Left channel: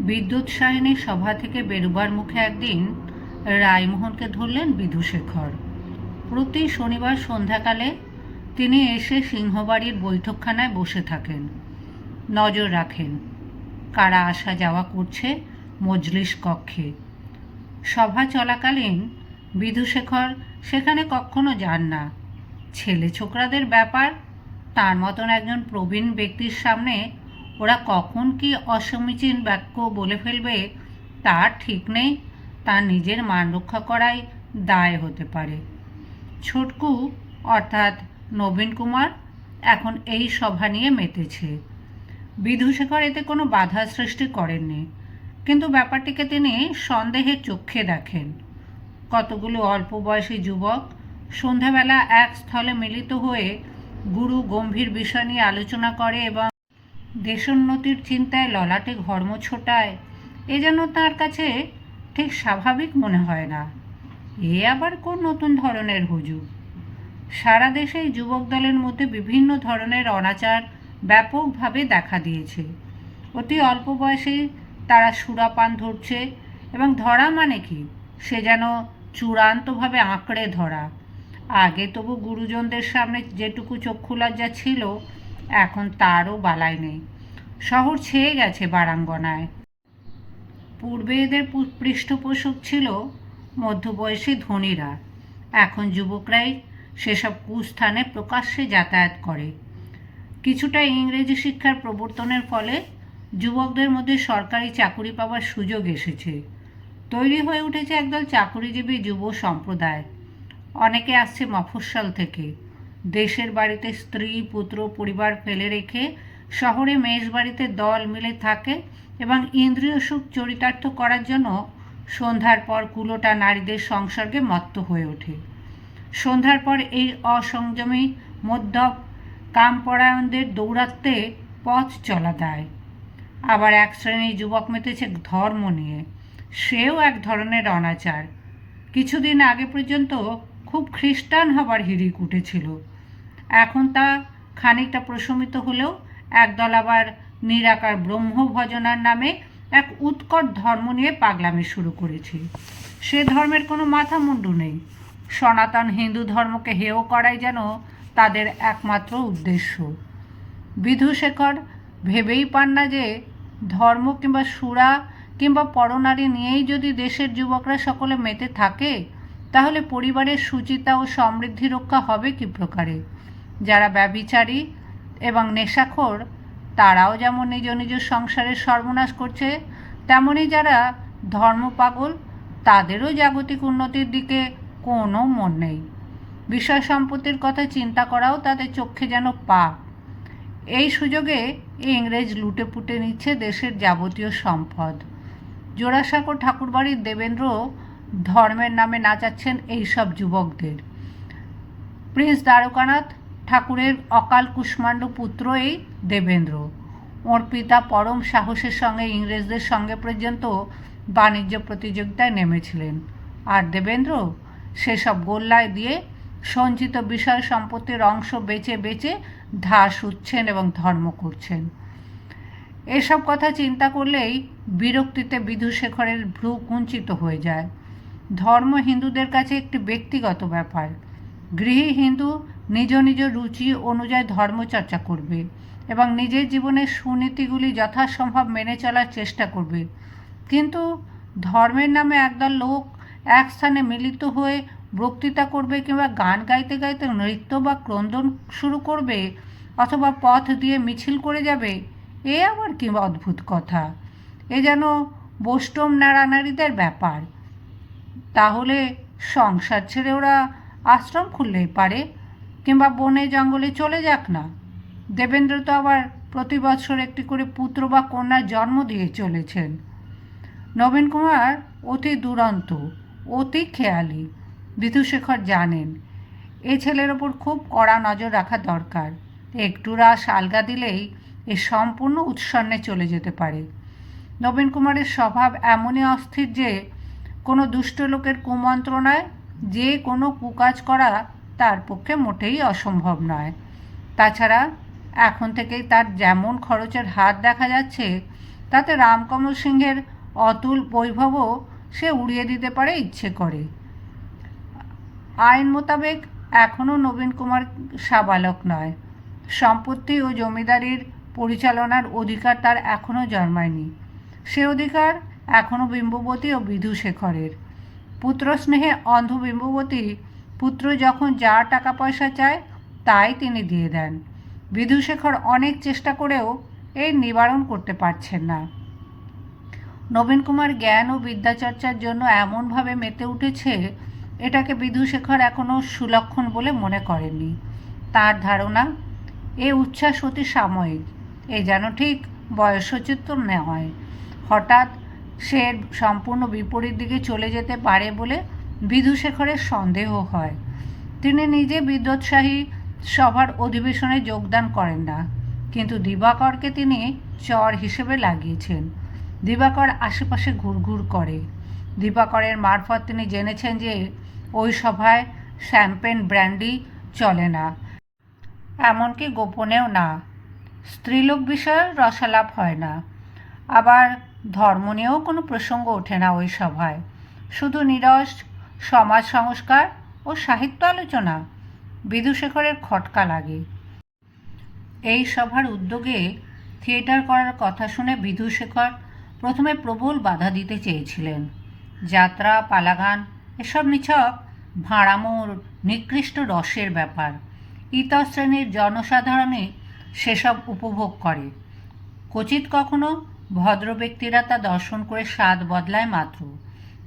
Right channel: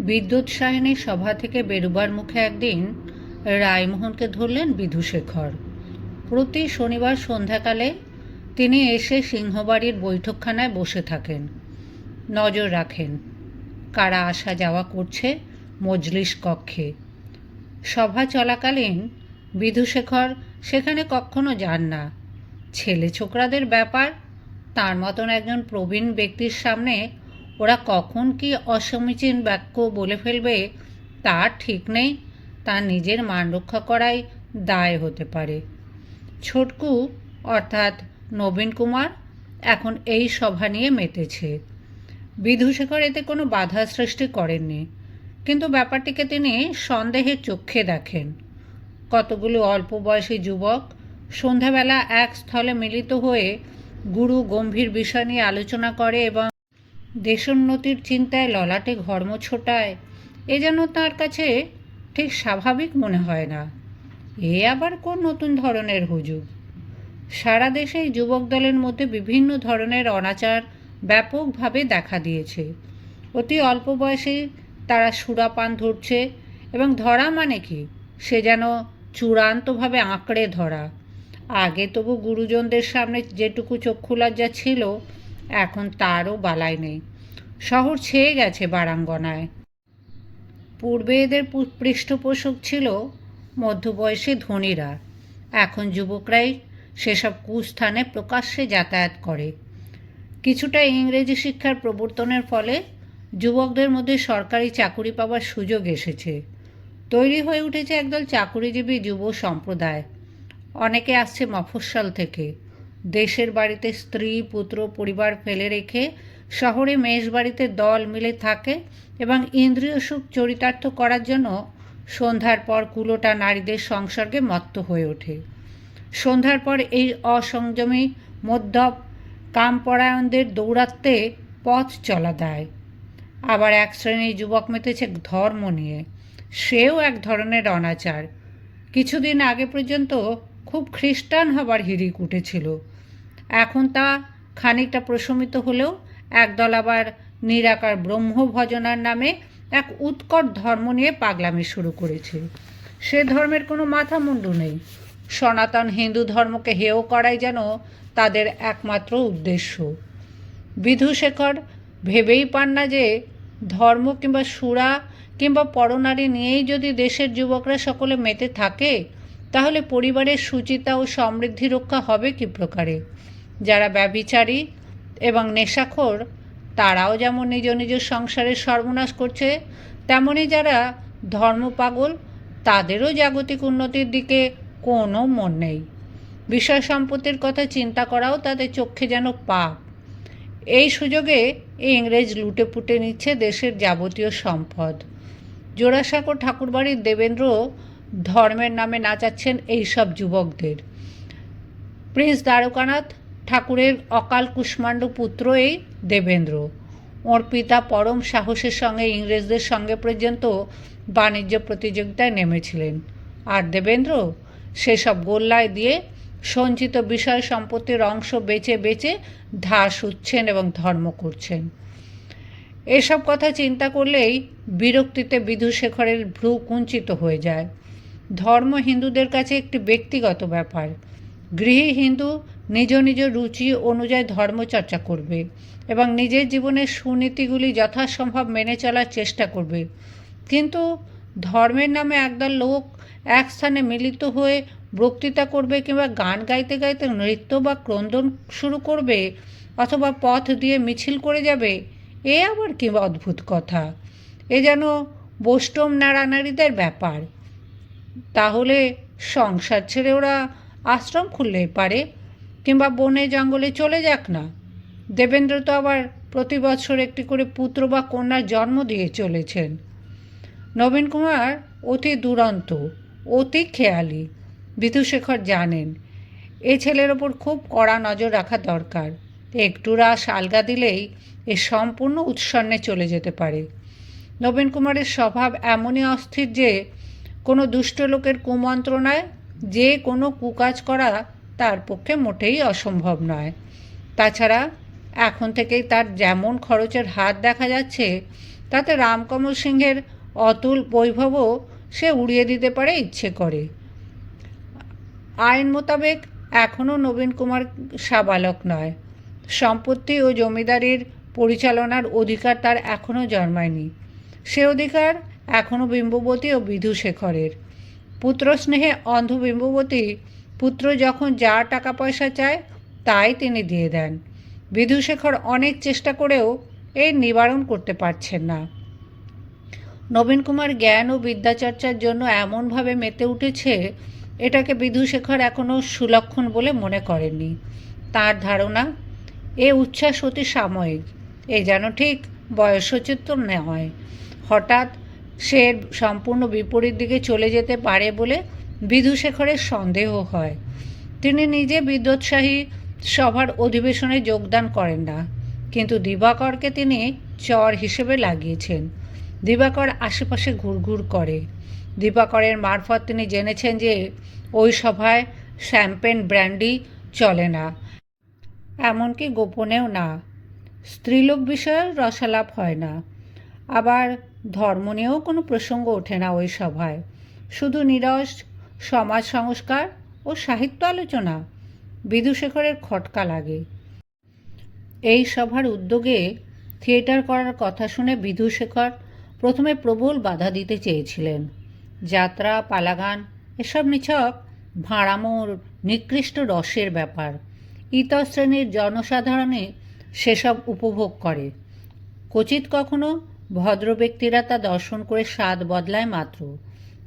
বিদ্যুৎ সায়নী সভা থেকে বেরুবার মুখে একদিন রায়মোহনকে ধরলেন বিধুশেখর। প্রতি শনিবার সন্ধ্যাকালে তিনি এসে সিংহবাড়ির বৈঠকখানায় বসে থাকেন। নজর রাখেন, কারা আসা যাওয়া করছে মজলিস কক্ষে। সভা চলাকালীন বিধুশেখর, সেখানে কখনো যান না। ছেলে ছোকরাদের ব্যাপার, তার মতন একজন প্রবীণ ব্যক্তির সামনে ওরা কখন কি অসমীচীন বাক্য বলে ফেলবে তার ঠিক নেই। তার নিজের মান রক্ষা করাই দায় হতে পারে। ছোটকু, অর্থাৎ নবীন কুমার, এখন এই সভা নিয়ে মেতেছে। বিধুশেখর এতে কোনো বাধা সৃষ্টি করেননি। কিন্তু ব্যাপারটিকে তিনি সন্দেহের চক্ষে দেখেন। কতগুলো অল্প বয়সী যুবক সন্ধ্যাবেলা এক স্থলে মিলিত হয়ে গুরু গম্ভীর বিষয় নিয়ে আলোচনা করে এবং দেশোন্নতির চিন্তায় ললাটে ঘর্ম ছোটায়, এ যেন তার কাছে ঠিক স্বাভাবিক মনে হয় না। এ আবার কোন নতুন ধরনের হুজুগ? সারা দেশেই যুবক দলের মধ্যে বিভিন্ন ধরনের অনাচার ব্যাপকভাবে দেখা দিয়েছে। অতি অল্প বয়সে তারা সুরাপান ধরছে এবং ধরা মানে কি? সে যেন চূড়ান্তভাবে আঁকড়ে ধরা। আগে তবু গুরুজনদের সামনে যেটুকু চক্ষু লজ্জা ছিল এখন তারও বালাই নেই। শহর ছেয়ে গেছে বারাঙ্গনায়। পূর্বে এদের পৃষ্ঠপোষক ছিল মধ্যবয়সী ধনীরা। এখন যুবকরাই সেসব কুস্থানে প্রকাশ্যে যাতায়াত করে। কিছুটা ইংরেজি শিক্ষার প্রবর্তনের ফলে যুবকদের মধ্যে সরকারি চাকুরি পাওয়ার সুযোগ এসেছে। তৈরি হয়ে উঠেছে একদল চাকুরিজীবী যুব সম্প্রদায়। অনেকে আসছে মফস্বল থেকে। দেশের বাড়িতে স্ত্রী, পুত্র, পরিবার ফেলে রেখে শহরে মেষ বাড়িতে দল মিলে থাকে এবং ইন্দ্রিয় সুখ চরিতার্থ করার জন্য সন্ধ্যার পর কুলোটা নারীদের সংসর্গে মত্ত হয়ে ওঠে। সন্ধ্যার পর এই অসংযমী মধ্যপ কামপরায়ণদের দৌরাত্মে পথ চলা দেয়। আবার এক শ্রেণির যুবক মেতেছে ধর্ম নিয়ে। সেও এক ধরনের অনাচার। কিছুদিন আগে পর্যন্ত খুব খ্রিস্টান হবার হিড়িক উঠেছিল। এখন তা খানিকটা প্রশমিত হলেও একদল আবার নিরাকার ব্রহ্ম ভজনার নামে এক উৎকট ধর্ম নিয়ে পাগলামি শুরু করেছে। সে ধর্মের কোনো মাথা মুন্ডু নেই। সনাতন হিন্দু ধর্মকে হেয় করাই যেন তাদের একমাত্র উদ্দেশ্য। বিধুশেখর ভেবেই পান না যে ধর্ম কিংবা সুরা কিংবা পরনারী নিয়েই যদি দেশের যুবকরা সকলে মেতে থাকে, তাহলে পরিবারের সুচিতা ও সমৃদ্ধি রক্ষা হবে কি প্রকারে? যারা ব্যবিচারী এবং নেশাখোর, তারাও যেমন নিজ নিজ সংসারের সর্বনাশ করছে, তেমনি যারা ধর্মপাগল, তাদেরও জাগতিক উন্নতির দিকে কোনো মন নেই। বিষয় সম্পত্তির কথা চিন্তা করাও তাদের চোখে যেন পাপ। এই সুযোগে ইংরেজ লুটে পুটে নিচ্ছে দেশের যাবতীয় সম্পদ। জোড়াসাঁকো ঠাকুরবাড়ির দেবেন্দ্র ধর্মের নামে নাচাচ্ছেন এইসব যুবকদের। প্রিন্স দ্বারকানাথ ঠাকুরের অকাল কুষ্মাণ্ড পুত্র এই দেবেন্দ্র। ওর পিতা পরম সাহসের সঙ্গে ইংরেজদের সঙ্গে পর্যন্ত বাণিজ্য প্রতিযোগিতায় নেমেছিলেন। আর দেবেন্দ্র? সেসব গোল্লায় দিয়ে সঞ্চিত বিষয় সম্পত্তির অংশ বেচে বেচে ধাস উঠছেন এবং ধর্ম করছেন। এসব কথা চিন্তা করলেই বিরক্তিতে বিধুশেখরের ভ্রু কুঞ্চিত হয়ে যায়। ধর্ম হিন্দুদের কাছে একটি ব্যক্তিগত ব্যাপার। গৃহী হিন্দু নিজ নিজ রুচি অনুযায়ী ধর্মচর্চা করবে এবং নিজের জীবনের সুনীতিগুলি যথাসম্ভব মেনে চলার চেষ্টা করবে। কিন্তু ধর্মের নামে একদল লোক এক স্থানে মিলিত হয়ে বক্তৃতা করবে কিংবা গান গাইতে গাইতে নৃত্য বা ক্রন্দন শুরু করবে অথবা পথ দিয়ে মিছিল করে যাবে, এ আবার কি অদ্ভুত কথা? এ যেন বৈষ্ণব নাড়ানাড়িদের ব্যাপার। তাহলে সংসার ছেড়ে ওরা আশ্রম খুললেই পারে। কিংবা বনে জঙ্গলে চলে যাক না। দেবেন্দ্র তো আবার প্রতি বছর একটি করে পুত্র বা কন্যার জন্ম দিয়ে চলেছেন। নবীন কুমার অতি দুরন্ত, অতি খেয়ালি, বিধুশেখর জানেন, এ ছেলের ওপর খুব কড়া নজর রাখা দরকার। একটু রাস আলগা দিলেই এ সম্পূর্ণ উৎসন্নে চলে যেতে পারে। নবীন কুমারের স্বভাব এমনই অস্থির যে, কোনো দুষ্ট লোকের কুমন্ত্রণায় যে কোনো কুকাজ করা তার পক্ষে মোটেই অসম্ভব নয়। তাছাড়া এখন থেকেই তার যেমন খরচের হাত দেখা যাচ্ছে, তাতে রামকমল সিংহের অতুল বৈভবও সে উড়িয়ে দিতে পারে ইচ্ছে করে। আইন মোতাবেক এখনও নবীন কুমার সাবালক নয়। সম্পত্তি ও জমিদারির পরিচালনার অধিকার তার এখনও জন্মায়নি। সে অধিকার এখনও বিম্ববতী ও বিধুশেখরের। পুত্রস্নেহে অন্ধ বিম্ববতী পুত্র যখন যা টাকা পয়সা চায়, তাই তিনি দিয়ে দেন। বিধুশেখর অনেক চেষ্টা করেও এর নিবারণ করতে পারছেন না। নবীন কুমার জ্ঞান ও বিদ্যাচর্চার জন্য এমনভাবে মেতে উঠেছে, এটাকে বিধুশেখর এখনও সুলক্ষণ বলে মনে করেননি। তার ধারণা, এ উচ্ছ্বাস অতি সাময়িক, এ যেন ঠিক বয়সোচিত নয় হঠাৎ সে সম্পূর্ণ বিপরীত দিকে চলে যেতে পারে বলে বিধুশেখরের সন্দেহ হয়। তিনি নিজে বিদ্যোৎসাহী সভার অধিবেশনে যোগদান করেন না, কিন্তু দিবাকরকে তিনি চর হিসেবে লাগিয়েছেন। দিবাকর আশেপাশে ঘুরঘুর করে। দিবাকরের মারফত তিনি জেনেছেন যে ওই সভায় শ্যাম্পেন ব্র্যান্ডি চলে না। এমনকি গোপনেও না। স্ত্রীলোক বিষয়ে রসালাপ হয় না। আবার ধর্ম নিয়েও কোনো প্রসঙ্গ ওঠে না ওই সভায়। শুধু নিরস সমাজ সংস্কার ও সাহিত্য আলোচনা বিদুশেখরের খটকা লাগে। এই সভার উদ্যোগে থিয়েটার করার কথা শুনে বিধুশেখর প্রথমে প্রবল বাধা দিতে চেয়েছিলেন। যাত্রা, পালাগান, এসব নিছক ভাঁড়ামোর, নিকৃষ্ট রসের ব্যাপার, ইতর শ্রেণির জনসাধারণে সেসব উপভোগ করে। কচিত কখনো ভদ্র ব্যক্তিরা তা দর্শন করে স্বাদ বদলায় মাত্র।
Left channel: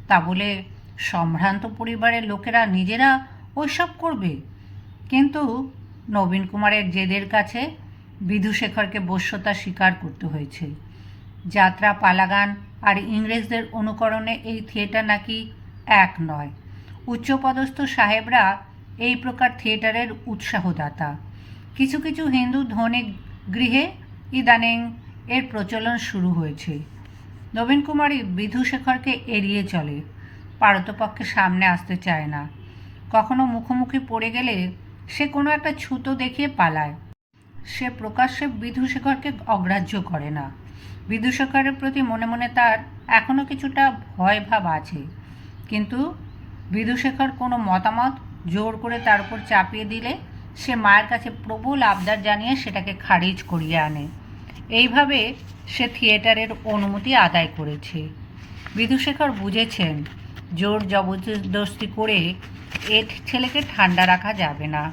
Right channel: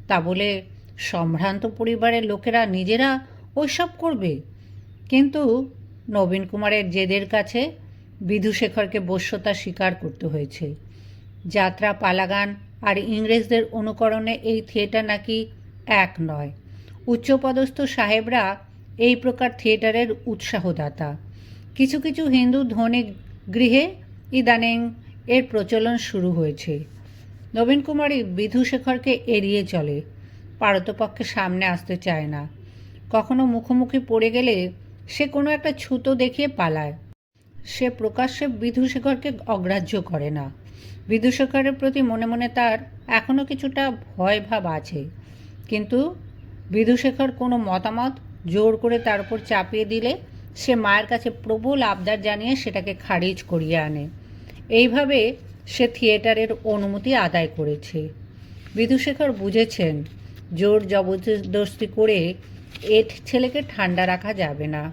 তা বলে সম্ভ্রান্ত পরিবারের লোকেরা নিজেরা ওইসব করবে। কিন্তু নবীন কুমারের জেদের কাছে বিধুশেখরকে বশ্যতা স্বীকার করতে হয়েছে। যাত্রা, পালাগান আর ইংরেজদের অনুকরণে এই থিয়েটার নাকি এক নয়। উচ্চপদস্থ সাহেবরা এই প্রকার থিয়েটারের উৎসাহদাতা। কিছু কিছু হিন্দু ধনী গৃহে ইদানিং এর প্রচলন শুরু হয়েছে। নবীন কুমারী বিধুশেখরকে এড়িয়ে চলে। পারতপক্ষে সামনে আসতে চায় না। কখনো মুখোমুখি পড়ে গেলে সে কোনো একটা ছুতো দেখিয়ে পালায়। সে প্রকাশ্যে বিধুশেখরকে অগ্রাহ্য করে না। বিধুশেখরের প্রতি মনে মনে তার এখনও কিছুটা ভয় ভাব আছে। কিন্তু বিধুশেখর কোনো মতামত জোর করে তার উপর চাপিয়ে দিলে সে মায়ের কাছে প্রবল আবদার জানিয়ে সেটাকে খারিজ করিয়ে আনে। এইভাবে সে থিয়েটারের অনুমতি আদায় করেছে। বিধুশেখর বুঝেছেন জোর জবরদস্তি করে এ ছেলেকে ঠান্ডা রাখা যাবে না।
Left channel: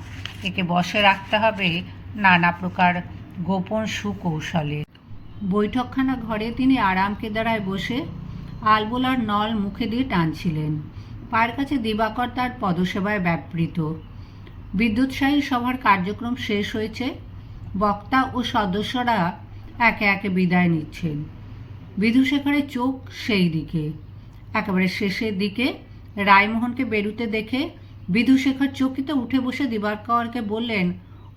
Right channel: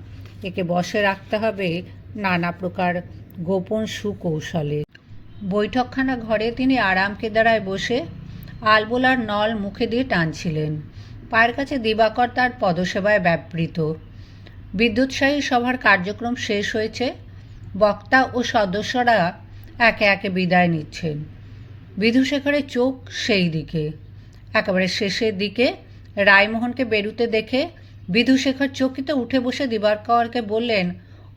একে বসে রাখতে হবে নানা প্রকার গোপন সুকৌশলে। বৈঠকখানা ঘরে তিনি আরাম কেদারায় বসে আলবোলার নল মুখে দিয়ে টানছিলেন। পায়ের কাছে দিবাকর তার পদসেবায় ব্যাপৃত বিদ্যুৎসাহী সভার কার্যক্রম শেষ হয়েছে। বক্তা ও সদস্যরা একে একে বিদায় নিচ্ছেন। বিধুশেখরের চোখ সেই দিকে। একেবারে শেষের দিকে রায়মোহনকে বেরুতে দেখে বিধুশেখর চকিত উঠে বসে দিবাকরকে বললেন,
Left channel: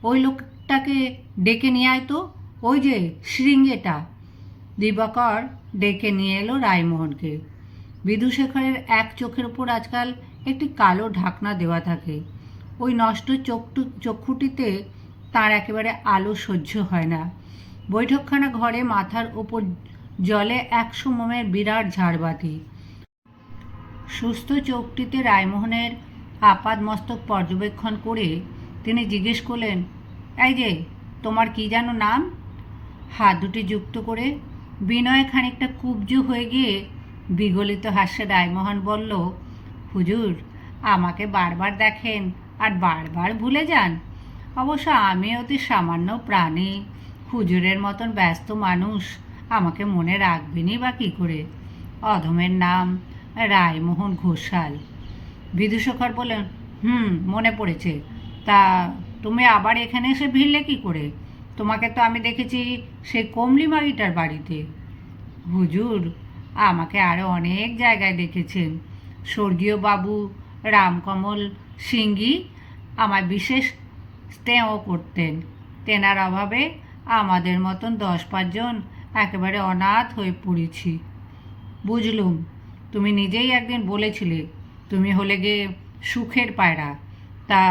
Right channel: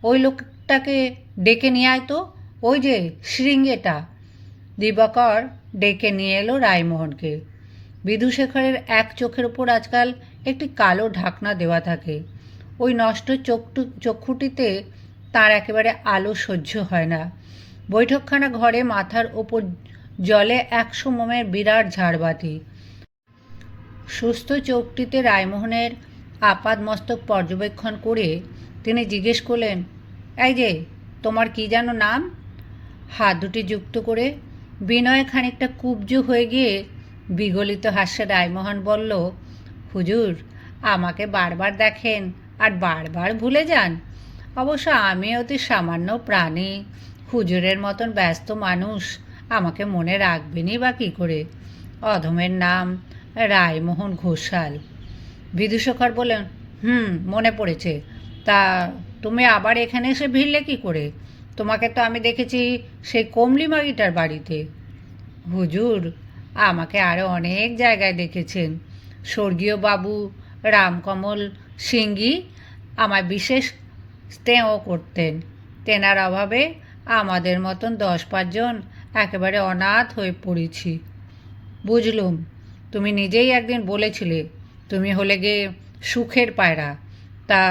ওই লোকটাকে ডেকে নিয়ে আয় তো, ওই যে শৃঙ্গেটা দিবাকর ডেকে নিয়ে এলো রায়মোহনকে। বিধুশেখরের এক চোখের ওপর আজকাল একটি কালো ঢাকনা দেওয়া থাকে। ওই নষ্ট চোখটু, চক্ষুটিতে তার একেবারে আলো সহ্য হয় না। বৈঠকখানা ঘরে মাথার ওপর জলে একশো মোমের বিরাট ঝাড়বাতি। সুস্থ চোখটিতে রায়মোহনের আপাদ মস্তক পর্যবেক্ষণ করে তিনি জিজ্ঞেস করলেন, এই যে, তোমার কি যেন নাম? হাত দুটি যুক্ত করে বিনয় খানিকটা কুব্জ হয়ে গিয়ে বিগলিত হাস্যে রায়মোহন বলল, হুজুর, আমাকে বারবার দেখেন আর বারবার ভুলে যান। অবশ্য আমি অতি সামান্য প্রাণী। হুজুরের মতন ব্যস্ত মানুষ আমাকে মনে রাখবেনই বা কী করে? অধমের নাম রায়মোহন ঘোষাল। বিদুশেখর বলেন হুম, মনে পড়েছে। তা তুমি আবার এখানে এসে ভিড়লে কি করে? তোমাকে তো আমি দেখেছি সেই কমলিমারিটার বাড়িতে। হুজুর, আমাকে আরও অনেক জায়গায় দেখেছেন। স্বর্গীয় বাবু রামকমল সিংহি আমায় বিশেষ স্নেহ করতেন। তেনার অভাবে আমাদের মতন দশ পাঁচজন একেবারে অনাথ হয়ে পড়েছি। বুঝলুম? তুমি নিজেই একদিন বলেছিলে, তুমি হলে গে সুখের পায়রা। তা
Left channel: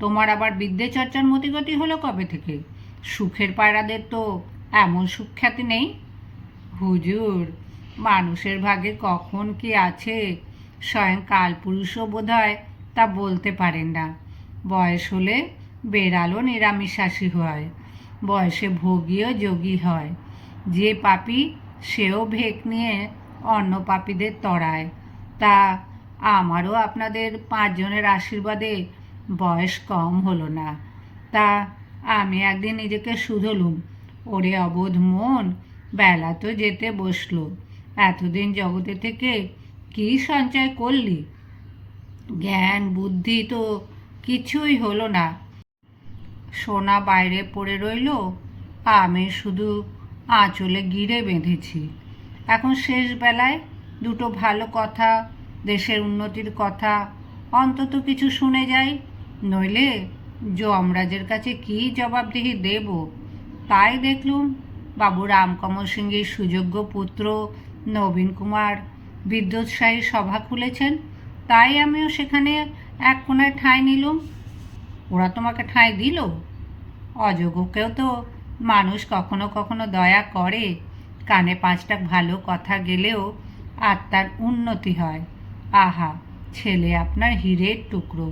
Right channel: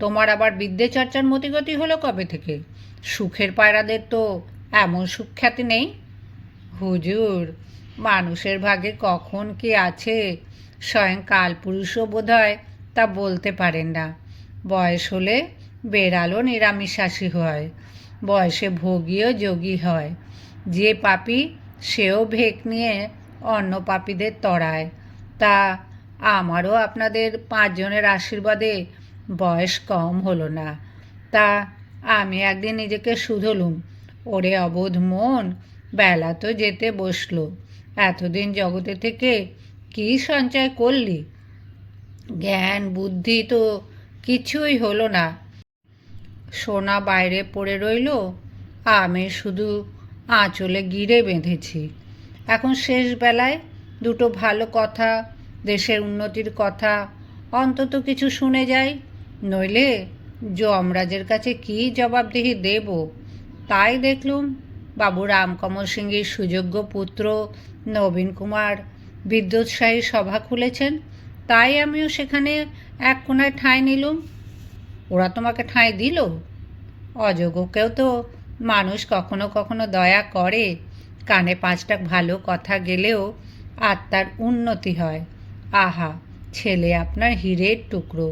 তোমার আবার বিদ্যে চর্চার মতিগতি হলো কবে থেকে? সুখের পায়রাদের তো এমন সুখ্যাতি নেই। হুজুর, মানুষের ভাগে কখন কি আছে? স্বয়ং কালপুরুষও বোধ হয় তা বলতে পারেন না। বয়স হলে বেড়ালও নিরামিষাশী হয়, বয়সে ভোগীও যোগী হয়। যে পাপি সেও ভেক নিয়ে অন্য পাপীদের তড়ায় তা আমারও আপনাদের পাঁচজনের আশীর্বাদে বয়স কম হলো না। তা আমি একদিন নিজেকে শুধলুম। ওরে অবোধ মন, বেলা তো যেতে বসল। এতদিন জগতে থেকে কী সঞ্চয় করলি? জ্ঞান, বুদ্ধি তো কিছুই হলো না। সোনা বাইরে পড়ে রইল, আমি শুধু আঁচলে গিরে বেঁধেছি। এখন শেষ বেলায় দুটো ভালো কথা, দেশের উন্নতির কথা, অন্তত কিছু শুনে যাই। নইলে যমরাজের কাছে কী জবাবদিহি দেব? তাই দেখলুম বাবু রামকমল সিংহের সুযোগ্য পুত্র নবীন কুমার বিদ্যুৎসাহী সভা খুলেছেন, তাই আমিও সেখানে এক কোনায় ঠাঁই নিলুম। ওরা তোমাকে ঠাঁই দিল? অযোগ্যকেও তো মানুষ কখনো কখনো দয়া করে। কানে পাঁচটা ভালো কথা গেলেও আত্মার উন্নতি হয়। আহা, ছেলে আপনার হীরের টুকরো।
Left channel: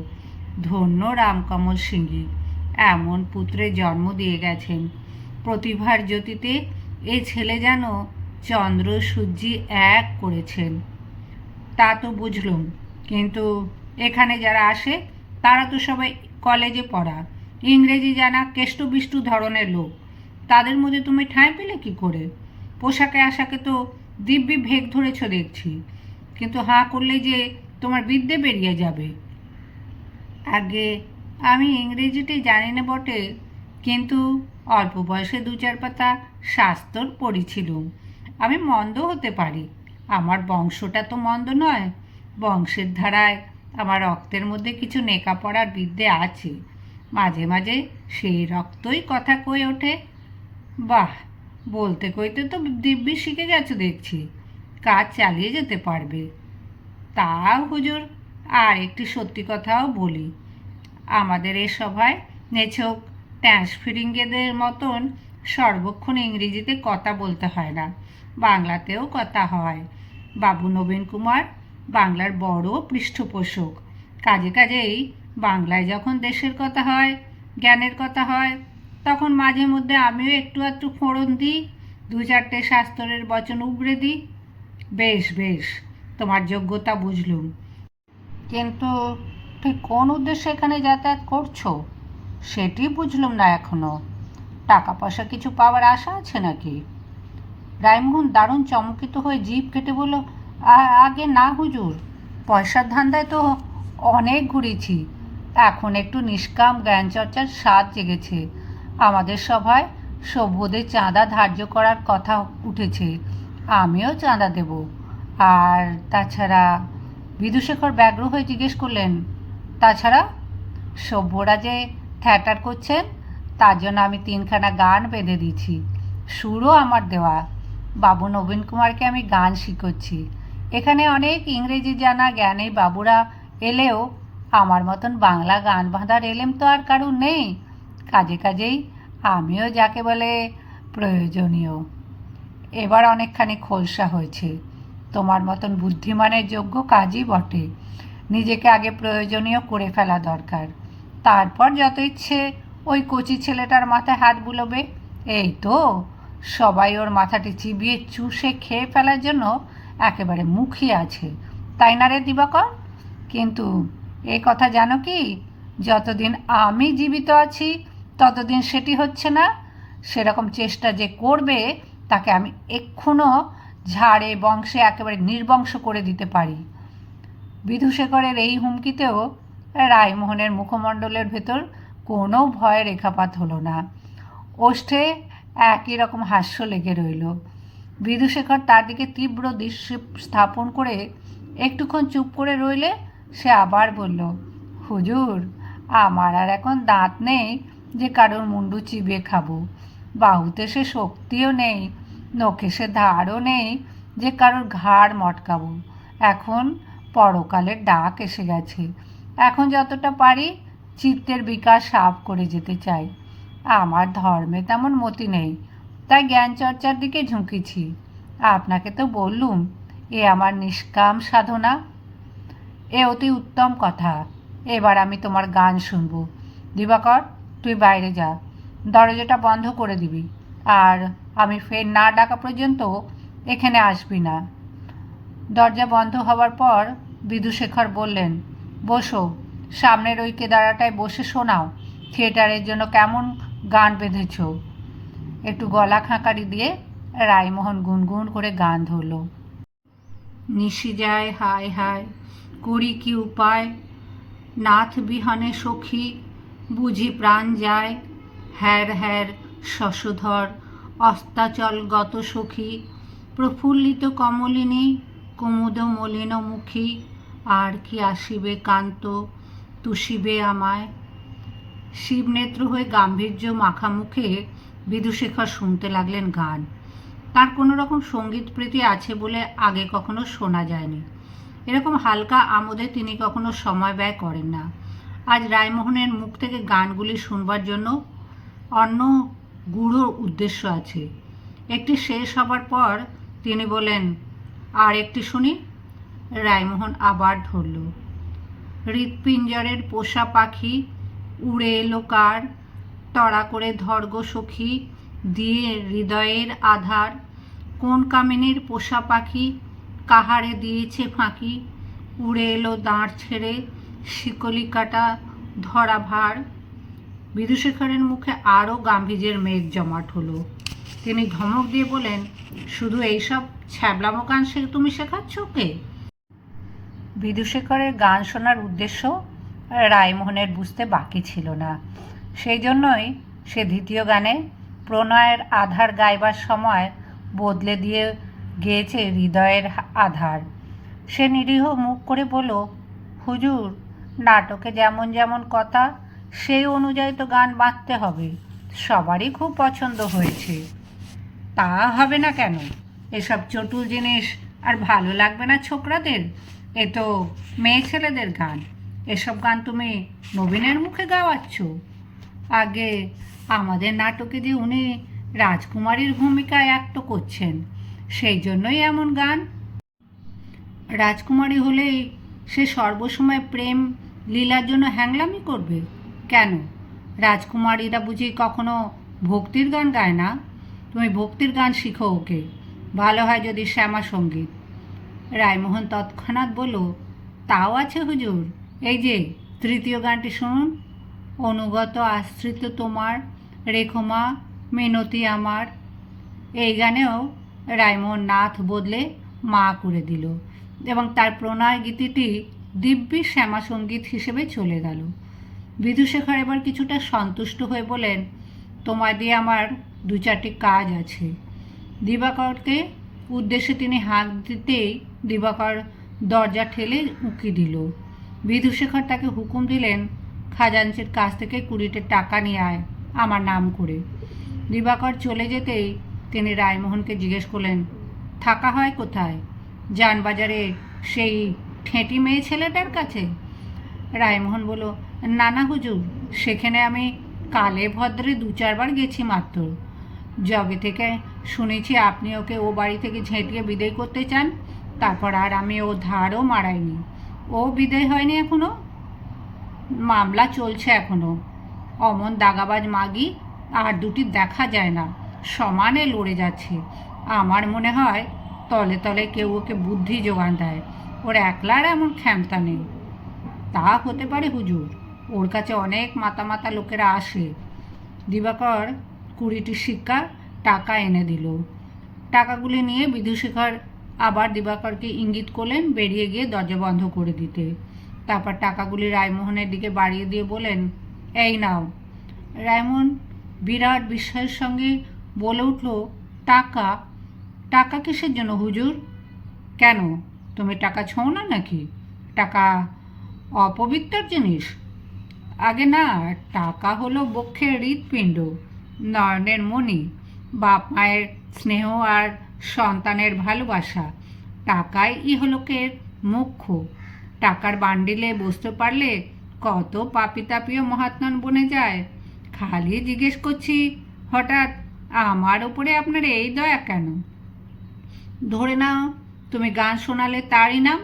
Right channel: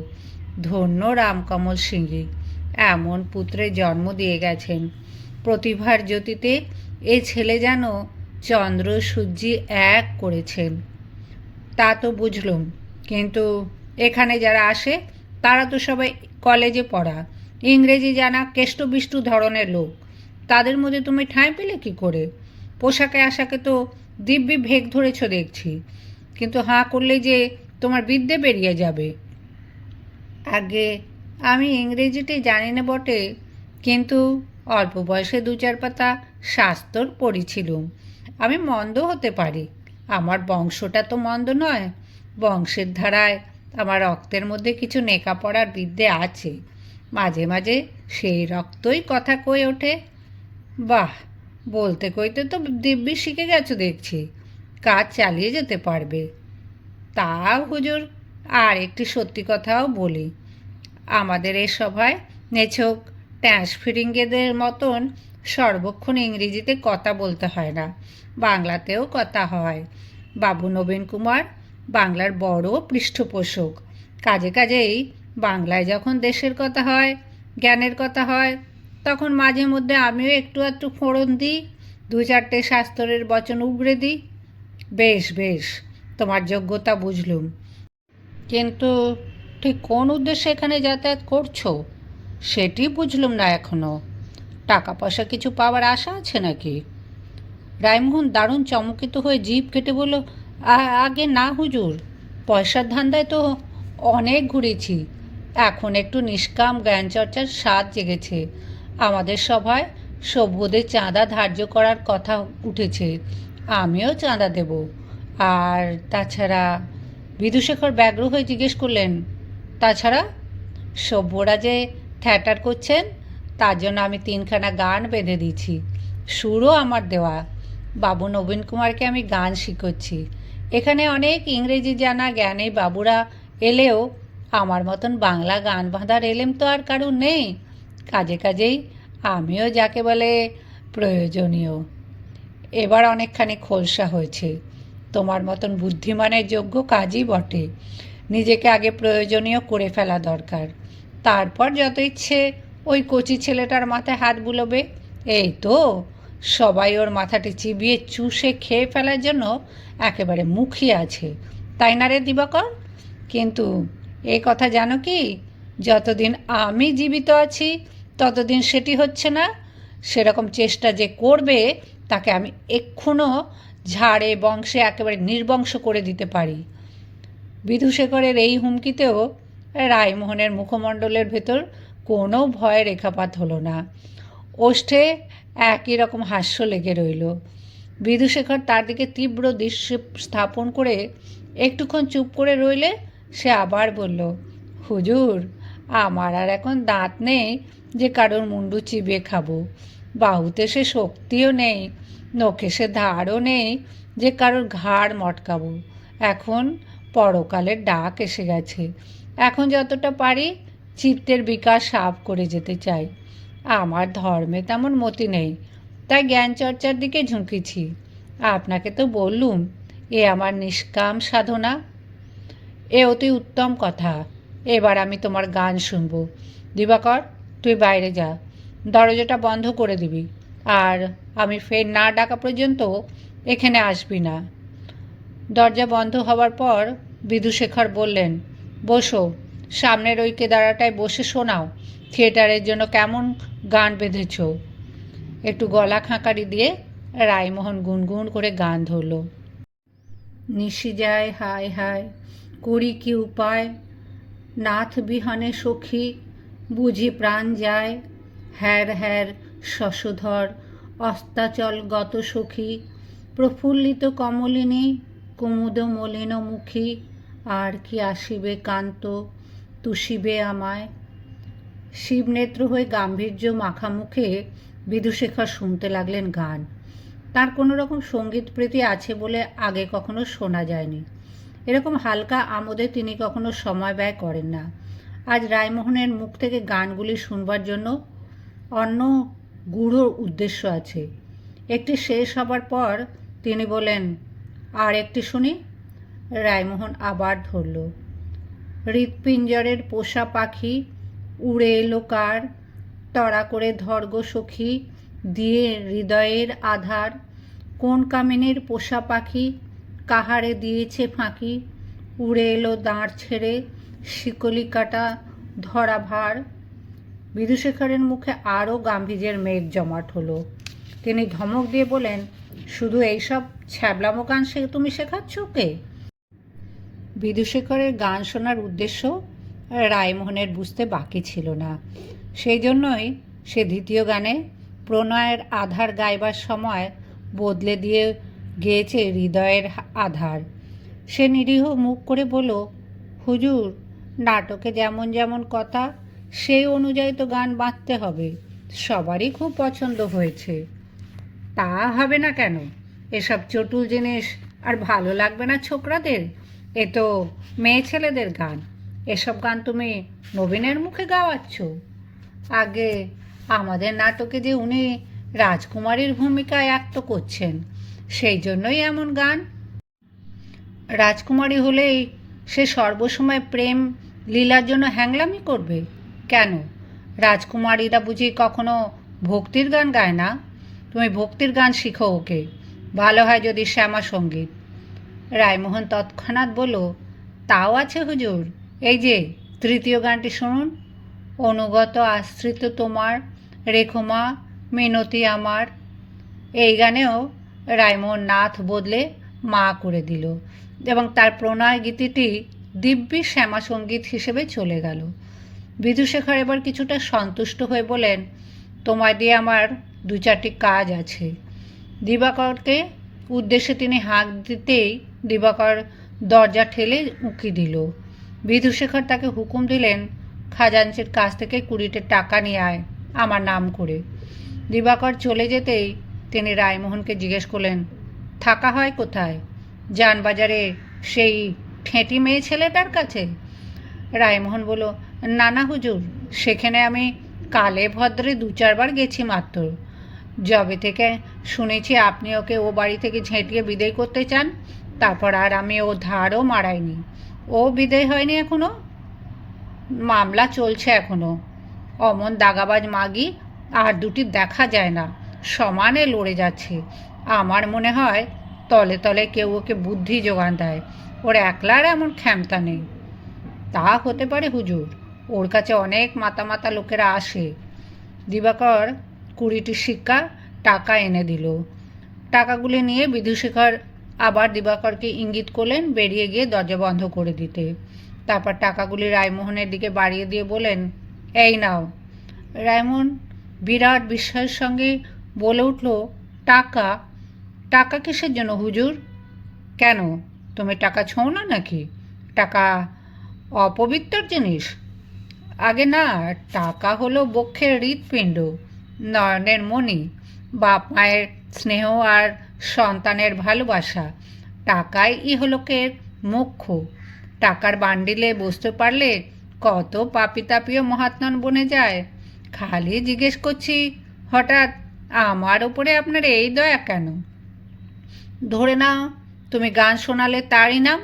ধন্য রামকমল সিংহী, এমন পুত্রের জন্ম দিয়ে গেছেন। প্রতিভার জ্যোতিতে এ ছেলে যেন চন্দ্র সূর্যি এক করেছেন। তা তো বুঝলুম, কিন্তু এখানে যারা আসে, তারা তো সবাই কলেজে পড়া। ইংরেজি জানা কেষ্টবিষ্টু ধরনের লোক। তাদের মধ্যে তুমি ঠাঁই পেলে কি করে? পোশাকে আশাকে তো দিব্যি ভেগ ধরেছ দেখছি। কিন্তু হাঁ করলে যে তোমার বিদ্যে বেরিয়ে যাবে। আগে আমি ইংরেজিতে জানি না বটে, কিন্তু অল্প বয়সে দু চার পাতা শাস্তর পড়েছিলুম। আমি মন্দ হতে পারি। আমার বংশটা তো মন্দ নয়। বংশের ধারায় আমার রক্তের মধ্যে কিছু নেকা পড়ার বিদ্যে আছে। মাঝে মাঝে সেই রক্তই কথা কয়ে ওঠে। বাহ! বলতে কইতে তো দিব্যি শিখে গেছো দেখছি। কাজ চালিয়ে যেতে পারবে। তা হুজুর, আর একটি সত্যি কথাও বলি। আমাদের এ সভায় নেছক ট্যাঁস ফিরিঙ্গেদের মতন সর্বক্ষণ ইংরেজিতে কথা বলতে হয় না, বাংলাতেও কথা হয়। বাবু নবীন কুমার, বাংলার বড় পৃষ্ঠপোষক। কাজে কাজেই বাংলায় যখন দেশের কথা হয়, জ্ঞানের কথা হয় তখন মাঝে মধ্যে আমিও একটু একটু ফোড়ন দিই, দু চারটে শাস্ত্রের বচন উগড়ে দিই। বেশ বেশ, তোমার যোগ্যতা বুঝলুম। কিন্তু ঠিক কোন উদ্দেশ্যে এখানে যাতায়াত করছ? সেটি বুঝলুম না এখনও। টাকা পয়সা কিছু পাওয়ার আশা আছে নাকি? রায়মোহন দারুণ চমকিত হয়ে জিভ কেটে বলল আগে না হুজুর, পয়সার ধান্দায় তো অনেক ঘুরেছি। এখন একটু নিষ্কাম জ্ঞানচর্চার স্বাদ জেগেছে। আমাদের সভায় সভ্যদের চাঁদা ধার্য করার কথা উঠেছে, আমিও চাঁদা দেব। আর তাছাড়া বিদুশেখর ব্যগ্র হয়ে জিজ্ঞেস করলেন, তাছাড়া সভ্যরা যে থ্যাটার করছেন, তার জন্য আমি তিনখানা গান বেঁধে দিয়েছি। সুরও আমার দেওয়া। বাবু নবীন কুমারকে আমি গান শিখোচ্ছি। এখানে অনেক ইংরেজি জানা জ্ঞানী বাবুরা এলেও আমার মতন বাংলা গান বাঁধার এলেম তো আর কারুর নেই। কাজে কাজেই আমিও যাকে বলে প্রয়োজনীয়। এবার অনেকখানি খোলসা হয়েছে। তোমার মতন বুদ্ধিমানের যোগ্য কাজই বটে। নিজেকে আগে প্রয়োজনীয় করে ফেলা দরকার। তারপর যত ইচ্ছে ওই কচি ছেলেটার মাথায় হাত বুলোবে। এই তো, সবাই ওর মাথাটি চিবিয়ে চুষে খেয়ে ফেলার জন্য একেবারে মুখিয়ে আছে। তাই না রে দিবাকর? কিন্তু এই কথা জানো কি? যতদিন আমি জীবিত আছি ততদিন সেটি হচ্ছে না। সেরকম চেষ্টা যে করবে, তাকে আমি এক্ষুনো ঝাড়ে, বংশে একেবারে নির্বংশ করে দিতে পারি। বিধুশেখরের এই হুমকিতেও রায়মোহনের মুখমণ্ডলের ভেতর কোনো ভয় রেখাপাত হলো না। ওষ্ঠে একই রকম হাস্য লেগে রইল। বিধুশেখর তার দিকে তীব্র দৃশ্য স্থাপন করে একটুক্ষণ চুপ করে রইলে সে আবার বলল, হুজুর, আমার আর এখন দাঁত নেই। যে কারোর মুন্ডু চিবিয়ে খাব। বাহুতে সে শক্তিও নেই, নখে সে ধারও নেই, যে কারোর ঘাড় মটকাবো। এখন পরকালের ডাক এসে গেছে। এখন যতটা পারি চিত্তের বিকাশ সাফ করে যেতে চাই। আমার ধর্মে তেমন মতি নেই, তাই জ্ঞান চর্চার দিকে ঝুঁকেছি। আপনাকে তো বললুম, এ আমার নিষ্কাম সাধনা। এ অতি উত্তম কথা। এবার আমি তোমার গান শুনব। দিবাকর তুই বাইরে যা। দরজাটা বন্ধ করে দিবি। আর আমি ফের না ডাকা পর্যন্ত এখানে আসবি না। দরজা বন্ধ হওয়ার পর বিধুশেখর বললেন, বসো। সামনের ওই কেদারাটায় বসে শোনাও। থিয়েটারের জন্য কেমন গান বেঁধেছ? একটু গলা খাঁকারি দিয়ে রায়মোহন গুনগুন করে গান ধরল। নিশি যায়, হায় হায়, করি কি উপায়? নাথ বিহানে সখী বুঝি প্রাণ যায়। হ্যার হ্যার শশধর, অস্তাচল গত সখী, প্রফুল্লিত কমলিনী, কুমুদ মলিন মুখী, আর কি আসিবে কান্ত, তুষিবে আমায়। শিবনেত্র হয়ে গাম্ভীর্য মাখা মুখে বিধুশেখর শুনতে লাগলেন গান। তার কোনো রকম সংগীত প্রীতি আছে বলে আগে কখনো শোনা যায়নি। এরকম হালকা আমোদে তিনি কখনো সময় ব্যয় করেন না। আজ রায়মোহনের মুখ থেকে গানগুলি শুনবার জন্য অন্য গূঢ় উদ্দেশ্য আছে। একটি শেষ হবার পর তিনি বলেন, আর একটি শুনি? রায়মোহন আবার ধরল, হৃৎপিঞ্জরের পোষা পাখি উড়ে এলো কার? তড়া করে ধর্গ সখী দিয়ে হৃদয়ের আধার। কোন কামিনীর পোষা পাখি কাহারে দিয়েছে ফাঁকি? উড়ে এলো দাঁড় ছেড়ে শিকলি কাটা ধরা ভার। বিদুশেখরের মুখে আরও গাম্ভীর্যের মেঘ জমাট হলো। তিনি ধমক দিয়ে বলেন, শুধু এইসব ছ্যাবলামো গান সে তুমি শেখাচ্ছ ওকে? বিদুশেখরের গান শোনার উদ্দেশ্য রায়মোহনের বুঝতে বাকি ছিল না। সেই জন্যই সে দ্বিতীয় গানে প্রণয়ের আধার গাইবার সময় বদলে দিয়ে গেয়েছে হৃদয়ের আধার। সে নিরীহ মুখ করে বলল, হুজুর নাটকে যেমন যেমন কথা, সেই অনুযায়ী তো গান বাঁধতে হবে। সবারই খুব পছন্দ হয়েছে। তা হবে না কেন? এসব চটুল জিনিস আর ভালো লাগবে না ছোকরাদের? এ তো মেয়ে ছেলেদের গান। এসব গান তুমি নবীনের মুখে গাওয়াচ্ছ? আগে আমাদের নাটকে যে উনি রাজকুমারীর ভূমিকায় অ্যাক্ট করছেন, সেই জন্যই এমন গান। রাজকুমারী হলেই সে সর্বসময় প্রেম লীলার জন্য হ্যাংলামি করবে? কেন? রাজকুমারীরা বুঝি কখনো ভক্তির গান গায় না? তুমি ভক্তির গান শিখো ওকে। ভালো হয় যদি শ্যামা সংগীত। রায়মোহন তৎক্ষণাৎ বলল, তাও আছে হুজুর। এই যে, তৃতীয় গানটি শুনুন। অনুগত আশ্রিত তোমার, রেখমা, মিনতি আমার। এই গানেও রায়মোহন নাথ বদলে মা করে দিল এবং তার প্রণয় গীতিটি দিব্যি শ্যামা সংগীত হিসেবে চলে গেল। বিধুশেখর এবার কিছুটা সন্তুষ্ট হয়ে বলেন তোমায় দিয়ে আমার দু চারটি কাজ আছে। দিবাকরকে উদ্দেশ্যে তিনি হাঁক দিতেই দিবাকর দরজা ঠেলে উঁকি দিল। বিধুশেখর তাকে হুকুম দিলেন, খাজাঞ্চির কাছ থেকে কুড়িটে টাকা নিয়ে আয়, আমার নাম করে। দিবাকর চলে যেতেই তিনি রায়মোহনকে জিজ্ঞেস করলেন, থাকা হয় কোথায়? যানবাজারে সেই ঠেঁটি মেয়ে ছেলেটার কাছে? রায়মোহন বলল না হুজুর, সেখানে আমি কালে ভদ্রে দু চারবার গেছি মাত্র। যবে থেকে শুনেছি আপনি ওকে ও বাড়ি থেকে ঝেঁটিয়ে বিদায় করতে চান, তারপর আর আমি ও ধারও মারাইনি। ও বিদায় হয়নি এখনও? মামলা চলছে এখনও। অমন দাগাবাজ মাগি আর দুটি দেখা যায় না, সমানে লড়ে যাচ্ছে। আমার মনে হয় তলে তলে কেউ ওকে বুদ্ধি যোগান দেয়। ওর একলার এমন ক্ষমতা নেই। তা হতে পারে হুজুর, ওর কাছে অনেক মাতা মাতা লোকেরা আসে। দিবাকর কুড়িটি শিক্ষা টাকা এনে দিল। টাকাগুলি নিয়ে বিধুশেখর আবার দিবাকরকে ইঙ্গিত করলেন বেরিয়ে গিয়ে দরজা বন্ধ করে দিতে। তারপর টাকাগুলি রায়মোহনের দিকে বাড়িয়ে দিয়ে বলেন এই নাও। রায়মোহন বিরাট বিস্ময়ের সঙ্গে বলে উঠল, টাকা? টাকা কিসের জন্য হুজুর? কেন? তুমি টাকা ছোঁও না নাকি? টাকা অপবিত্র জিনিস? আগে না, টাকা হলো বক্ষের হৃৎপিণ্ড, নয়নের মণি, বাপ মায়ের স্নেহ আর সন্তানের ভালোবাসা। টাকাই ইহলোকের মুখ্য। টাকার বান্ডিলে বসতে পারলে কত পাপি তাপিও মহাত্মান বনে যায়। খালি জিজ্ঞেস করছি, হঠাৎ আমার ওপরে আপনার এই দয়া কেন? ধরে নাও তুমি গান শোনালে তারই নাম।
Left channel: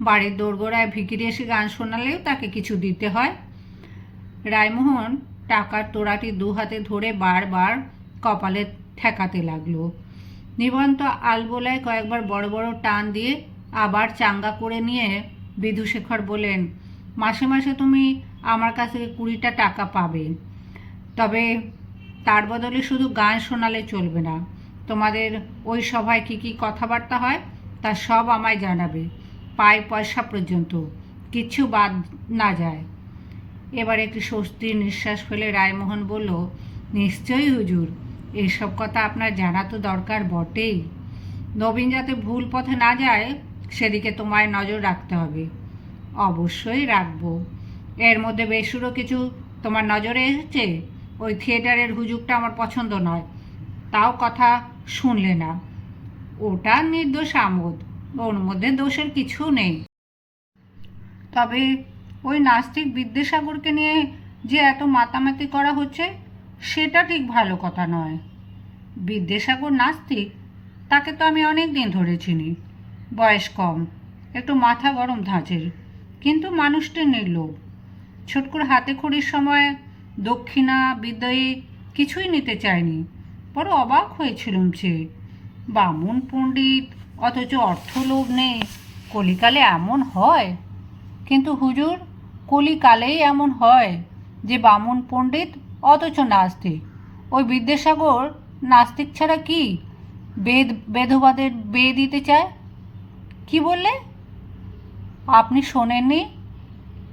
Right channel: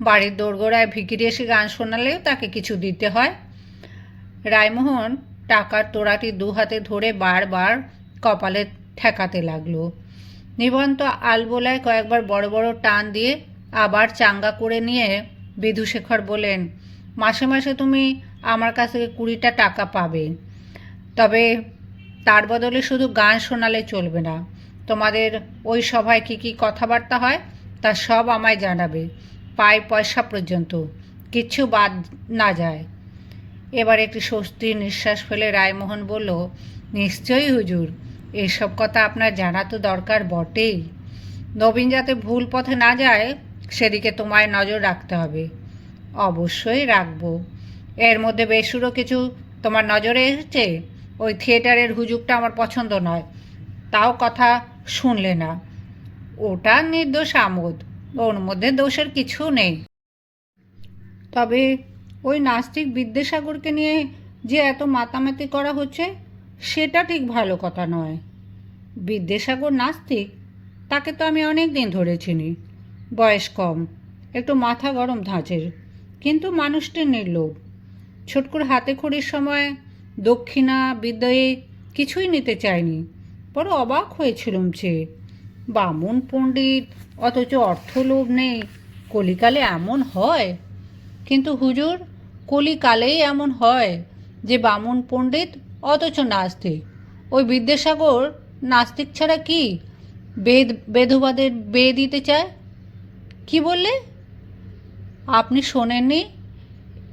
বাড়ির দোরগোড়ায় ভিকিরি এসে গান শোনালেও তাকে কিছু দিতে হয়। রায়মোহন টাকার তোড়াটি দু হাতে ধরে বারবার কপালে ঠেকাতে লাগল। নিবন্ত আলবোলায় কয়েকবার বড় বড় টান দিয়ে আবার চাঙ্গা করে নিয়ে বিধুশেখর বলেন মাসে মাসে তুমি আমার কাছ থেকে কুড়িটা টাকা পাবে। তবে তার বদলে শুধু গান শোনালে চলবে না। তোমাদের ওই সভায় কী কী কথাবার্তা হয়? তা সব আমায় জানাবে, পায় পয়সা পর্যন্ত কিচ্ছু বাদ না যায়। এবার একটি স্বস্তির নিঃশ্বাস ফেলে রায়মোহন বলল, নিশ্চয়ই হুজুর, এসব কথা আপনার জানা তো দরকার বটেই। নবীন যাতে ভুল পথে না যায়, সেদিকে তোমায় নজর রাখতে হবে। অবশ্যই রাখব। এর মধ্যে বেসুরও কিছু তোমার নজরে এসেছে? ওই থিয়েটারের হুজুগটা আমার পছন্দ নয়। তাও কথা শুনলে না। ওটা নির্দোষ আমোদ। ওর মধ্যে দোষের কিছু নেই। তবে ওই নাস্তিক বিদ্যাসাগরকে নিয়ে যে এত মাতামাতি করা হচ্ছে, সেটা ঠিক ভালো কথা নয়। বিদ্যাসাগর নাস্তিক, তাকে তো আমি অনেক দিন ধরে চিনি। বয়স কম, একটু মাথা গরম ধাঁচের, কিন্তু মানুষটি নির্লোভ। ছোটকুর হাতে খড়ির সময় দক্ষিণা, বিদ্যয়ে কিছুই নিতে চায়নি। বড় অবাক হয়েছিলুম যে বামুন পণ্ডিত, অথচ অর্থলোভ নেই। কলিকালে এমন হয়? কিন্তু হুজুর, কলিকালেই এমন হয় যে বামুন পণ্ডিত অথচ নাস্তিক। ওই বিদ্যাসাগর নাস্তিক ছাড়া কি বেদ বেধবাদের বেয়ে দিতে চায়? কি বললে? আপনি শোনেননি?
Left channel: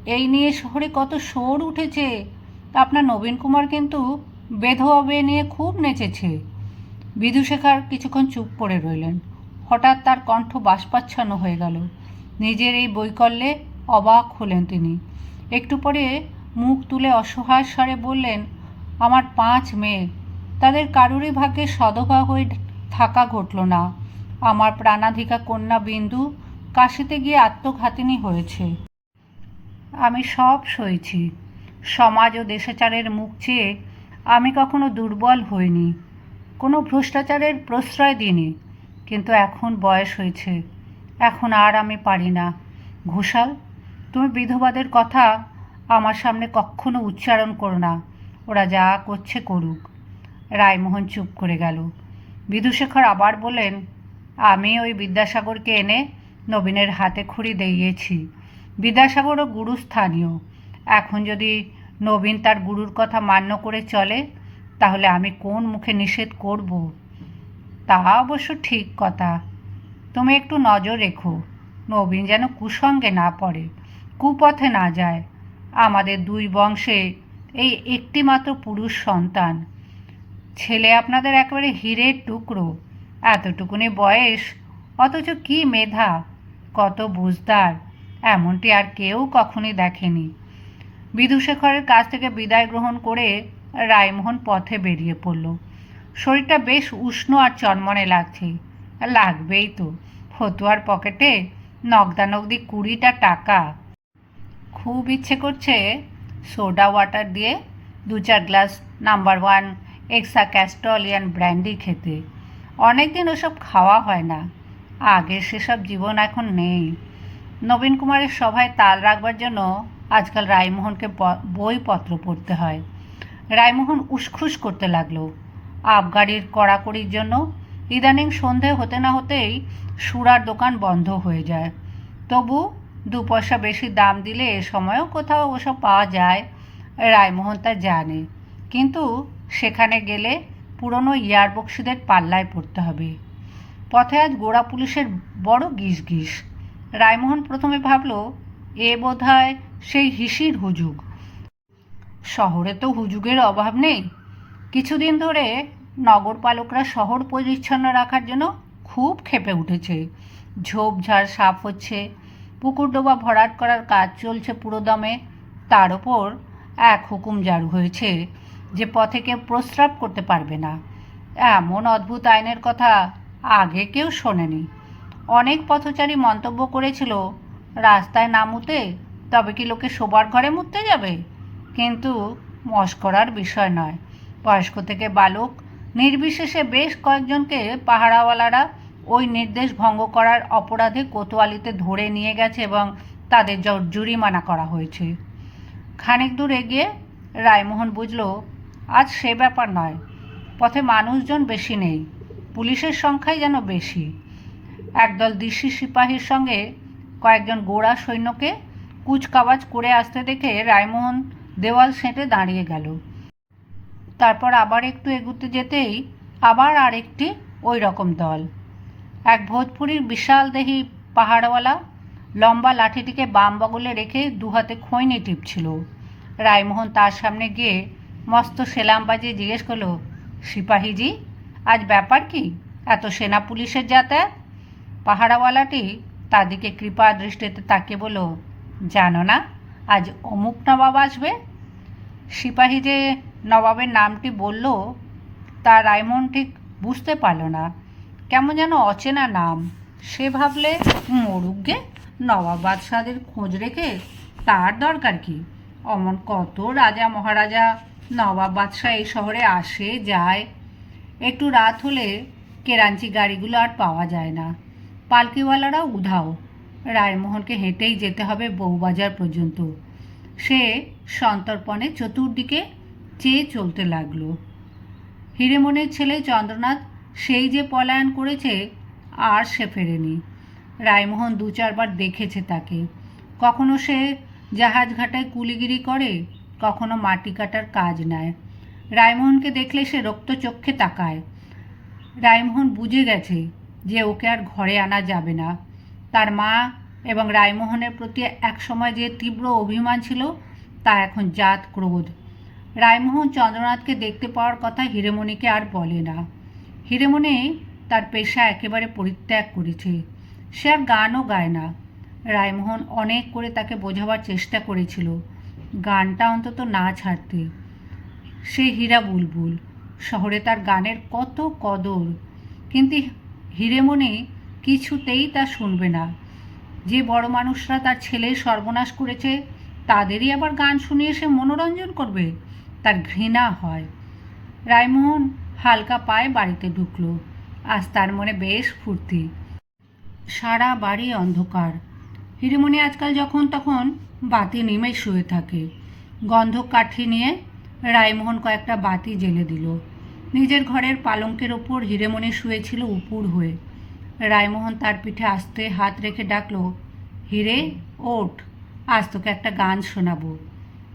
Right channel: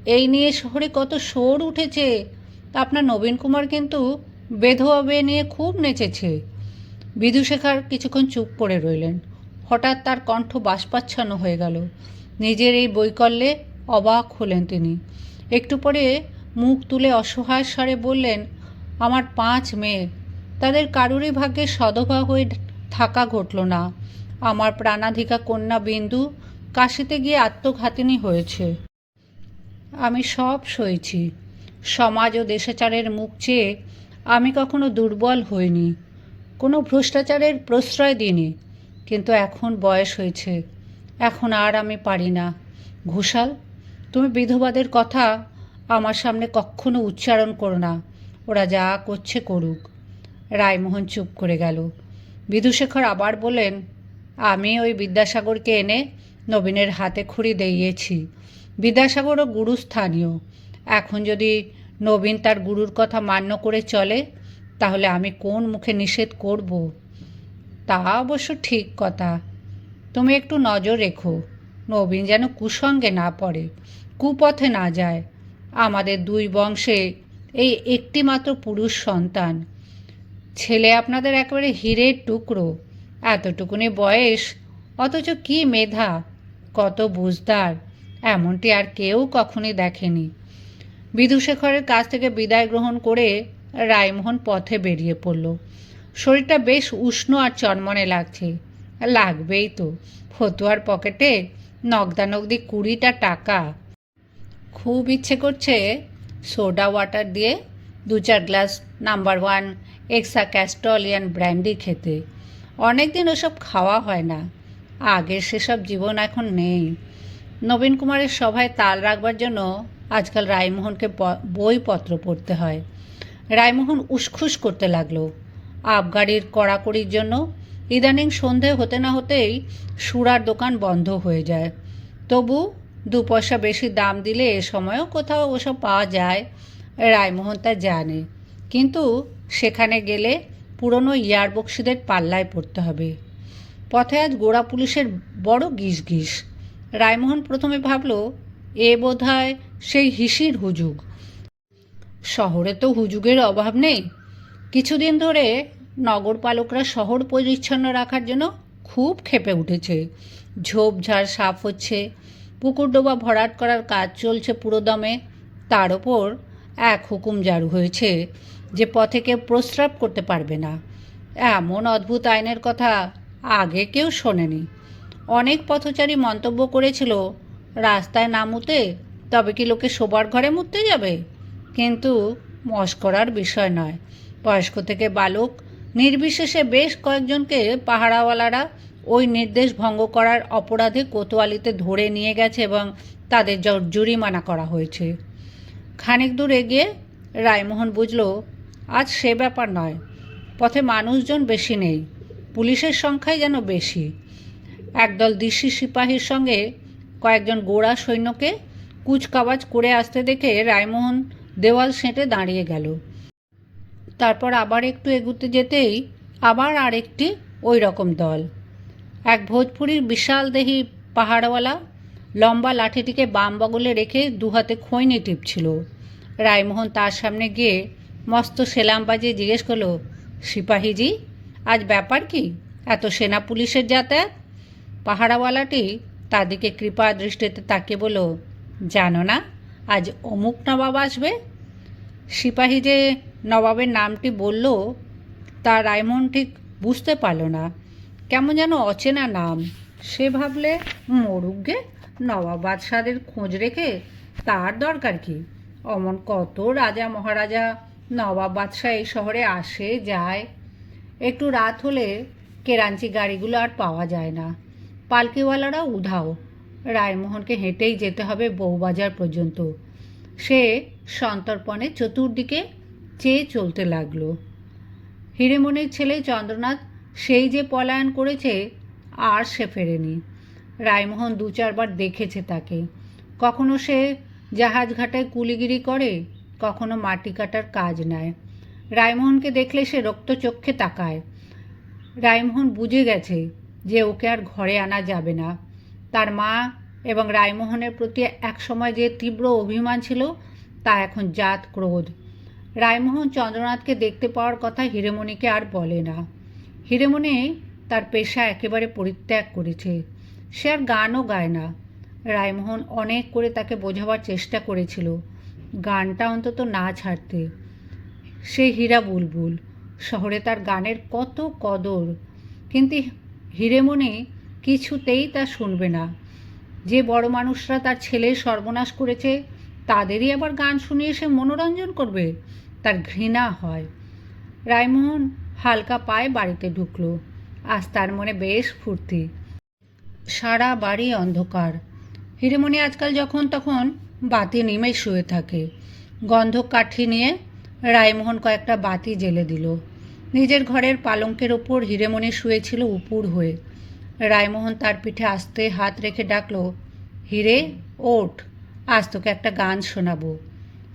এই নিয়ে শহরে কত শোর উঠেছে। আপনার নবীন কুমার কিন্তু বেধবা বেয়ে নিয়ে খুব নেচেছে। বিধুশেখার কিছুক্ষণ চুপ করে রইলেন। হঠাৎ তার কণ্ঠ বাষ্পাচ্ছন্ন হয়ে গেল। নিজের এই বৈকল্যে অবাক হলেন তিনি। একটু পরে মুখ তুলে অসহায় স্বরে বললেন, আমার পাঁচ মেয়ে। তাদের কারুরই ভাগ্যে সদভা হয়ে থাকা ঘটল না। আমার প্রাণাধিকা কন্যা বিন্দু কাশিতে গিয়ে আত্মঘাতিনী হয়েছে। আমি সব সইছি। সমাজ ও দেশাচারের মুখ চেয়ে আমি কখনো দুর্বল হইনি। কোনো ভ্রষ্টাচারের প্রশ্রয় দিইনি, কিন্তু এখন বয়স হয়েছে। এখন আর আমি পারি না। ঘোষাল, তুমি বিধবাদের কথা আমার সামনে কখনো উচ্চারণ করো না। ওরা যা করছে করুক। রায়মোহন চুপ করে গেল। বিধুশেখর আবার বললেন, আমি ওই বিদ্যাসাগরকে এনে নবীনের হাতে খুঁড়ি দিয়েছি বিদ্যাসাগরও গুরুস্থানীয়। এখন যদি নবীন তার গুরুর কথা মান্য করে চলে তাহলে আমি কোন মুখে নিষেধ করব? তা অবশ্য ঠিক কথা। তুমি একটু নজর রেখো। নবীন যেন কুসঙ্গে না পড়ে, কুপথে না যায়। আমাদের দুই বংশে এই একটিমাত্র পুরুষ সন্তান। ছেলে আপনাদের একেবারে হীরের টুকরো। এতটুকুনি বয়স, অথচ কি মেধা, কত বুঝদার, এমনটি আর কেউ কখনই দেখেনি। বিধুশেখরের কাছ থেকে বিদায় গ্রহণ করে রায়মোহন পথে বেরিয়ে পড়ল। শরীরটা বেশ উষ্ণ আর চনমনে লাগছে। লাগবেই তো। ফতুয়ার পকেটে নগদানগদি কুড়িটা টাকা। খুব ইচ্ছে করছে সোডা ওয়াটার দিয়ে দু চার গ্লাস নাম্বার ওয়ান এক্সা ক্যাস্টলিয়ান ব্র্যান্ডি খেতে। অনেক দিন ওসব খাওয়া হয় না। আগের সেসব জীবন এখন নেই। নবীন কুমারের সভায় তাল রাখবার জন্য আজকাল রায়মোহনকে বইপত্র পড়তে হয়। রায়মোহন উসখুস করতে লাগল। আবগাড়ির কড়াকড়ির জন্য ইদানিং সন্ধে হতে না হতেই সুরার দোকান বন্ধ হয়ে যায়। তবু দু পয়সা বেশি দাম দিলে এ সময়ও কোথাও ওসব পাওয়া যায়, রায়মোহন তা জানে। কিন্তু সেখানে গেলে পুরনো ইয়ারবক্সিদের পাল্লায় পড়তে হবে। পথে আজ গোড়া পুলিশের বড় গিস গিস রায়মোহন প্রথমে ভাবল, এ বোধ হয় সেই হিসির হুজুগ। শহরে তো হুজুগের অভাব নেই। কিছুদিন ধরে নগরপালকরা শহর পরিচ্ছন্ন রাখার জন্য খুব ক্ষেপে উঠেছে। ঝোপঝাড় সাফ হচ্ছে, পুকুর ডোবা ভরাট করার কাজ চলছে পুরোদমে তার ওপর এক হুকুম জারু হয়েছে যে পথে কেউ প্রস্রাব করতে পারবে না। এমন অদ্ভুত আইনের কথা আগে কেউ শোনেনি। অনেক পথচারী মন্তব্য করেছিল, রাস্তায় না মুতে তবে কি লোকে শোবার ঘরে মুততে যাবে? কিন্তু মস্করার বিষয় নয়। বয়স্ক থেকে বালক, নির্বিশেষে বেশ কয়েকজনকে পাহারাওয়ালারা ওই নির্দেশ ভঙ্গ করার অপরাধে কোতোয়ালিতে ধরে নিয়ে গেছে এবং তাদের জরিমানা করা হয়েছে। খানিক দূর এগিয়ে রায়মোহন বুঝল, আজ সে ব্যাপার নয়। পথে মানুষজন বেশি নেই। পুলিশের সংখ্যাই যেন বেশি। একদল দিশি সিপাহীর সঙ্গে কয়েকজন গোড়া সৈন্যকে কুচকাওয়াজ করে আসতে দেখে রায়মোহন দেওয়াল সেঁটে দাঁড়িয়ে গেল। তারপর আবার একটু এগুতে যেতেই আবার আরেকটি ওই রকম দল। এক ভোজপুরির বিশাল দেহি পাহাড়ওয়ালা লম্বা লাঠিটিকে বাম বগলে রেখে দুহাতে খৈনি টিপছিল। রায়মোহন তার সামনে গিয়ে মস্ত সেলাম বাজিয়ে জিজ্ঞেস করল, সিপাহীজি, আজ ব্যাপার কি? এত সেনা পুলিশের যাতায়াত? পাহাড়াওয়ালাটি তার দিকে কৃপা দৃষ্টিতে তাকিয়ে বলল, জানো না আজ অমুক নবাব আসবে? সিপাহী যে নবাবের নামটি বলল, তা রায়মন ঠিক বুঝতে পারল না। কেমন যেন অচেনা নাম। সে ভাবলে মরুগ্গে নবাব বাদশাদের খোঁজ রেখে তার দরকার কি? অমন কত রাজা মহারাজা নবাব বাদশাহ এই শহরে আসে, যায়। একটু রাত হলে কেরাঞ্চি গাড়িগুলো আর পাওয়া যায় না। পালকিওয়ালারা উধাও। রায়মোহনকে হেঁটেই যেতে হবে বউবাজার পর্যন্ত। সে সন্তর্পণে চতুর্দিকে চেয়ে চলতে লাগল। হিরেমণির ছেলে চন্দ্রনাথ সেই যে পলায়ন করেছে আর সে ফেরেনি। রায়মোহন দু চারবার দেখেছে তাকে। কখনো সে জাহাজ ঘাটায় কুলিগিরি করে, কখনো মাটি কাটার কাজ নেয়। রায়মোহনকে দেখলে সে রক্তচক্ষে তাকায়। রায়মোহন বুঝে গেছে যে ওকে আর ঘরে আনা যাবে না। তার মা এবং রায়মোহনের প্রতি একসময় যে তীব্র অভিমান ছিল, তা এখন জাত ক্রোধ। রায়মোহন চন্দ্রনাথকে দেখতে পাওয়ার কথা হিরেমণিকে আর বলে না। হিরেমণি তার পেশা একেবারে পরিত্যাগ করেছে। সে আর গানও গায় না। রায়মোহন অনেক করে তাকে বোঝাবার চেষ্টা করেছিল, গানটা অন্তত না ছাড়তে। সে হীরা বুলবুল, শহরে তার গানের কত কদর। কিন্তু হিরেমণি কিছুতেই তা শুনবে না। যে বড় মানুষরা তার ছেলের সর্বনাশ করেছে, তাদেরই আবার গান শুনিয়ে সে মনোরঞ্জন করবে? তার ঘৃণা হয়। রায়মোহন হালকা পায়ে বাড়িতে ঢুকলো। আজ তার মনে বেশ ফুর্তি। সারা বাড়ি অন্ধকার। হিরেমণি আজকাল যখন তখন বাতি নিমে শুয়ে থাকে। গন্ধ কাঠি নিয়ে রায়মোহন কয়েকটা বাতি জেলে দিল। নিজের ঘরের পালঙ্কের ওপর হিরেমণি শুয়েছিল উপুর হয়ে। রায়মোহন তার পিঠে আস্তে হাত রেখে ডাকলো, হিরে, ওঠ, আজ তোকে একটা গান শোনাবো।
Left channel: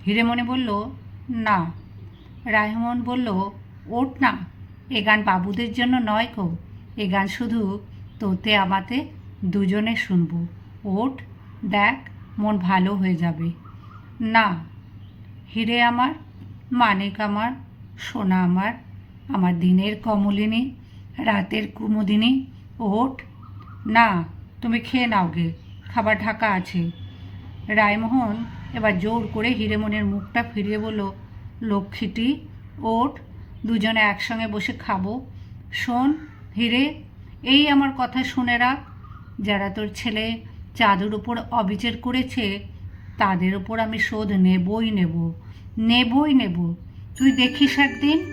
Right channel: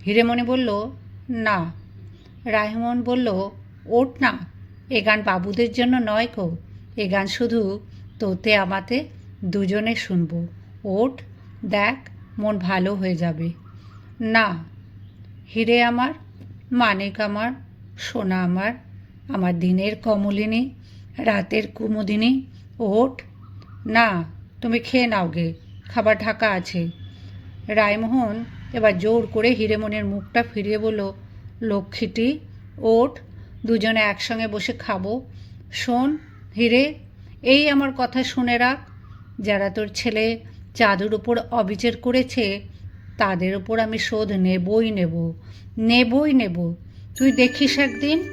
হিরে মনে বলল, না। রায়মোহন বলল, ওঠ না, এ গান বাবুদের জন্য নয় কো এ গান শুধু তোতে, আমাতে দুজনে শুনব। ওঠ, দেখ, মন ভালো হয়ে যাবে। না। হিরে আমার, মানিক আমার, সোনা আমার আমার দিনের কমলিনী, রাতের কুমুদিনী ওঠ না, তুমি খেয়ে নাও গে, খাবার ঢাকা আছে। রায়মোহন এবার জোর করে হিরেমনের মুখটা ফিরিয়ে বলল, লক্ষ্মীটি, ওট, দুজনে একসঙ্গে বসে খাব। শোন, হিরে, এই আমার কথা শুনে রাখ। যারা তোর ছেলে চাঁদের উপর অবিচার করেছে, তাদের উপর আমি শোধ নেবই নেব নেবই নেব। তুই দেখিস একদিন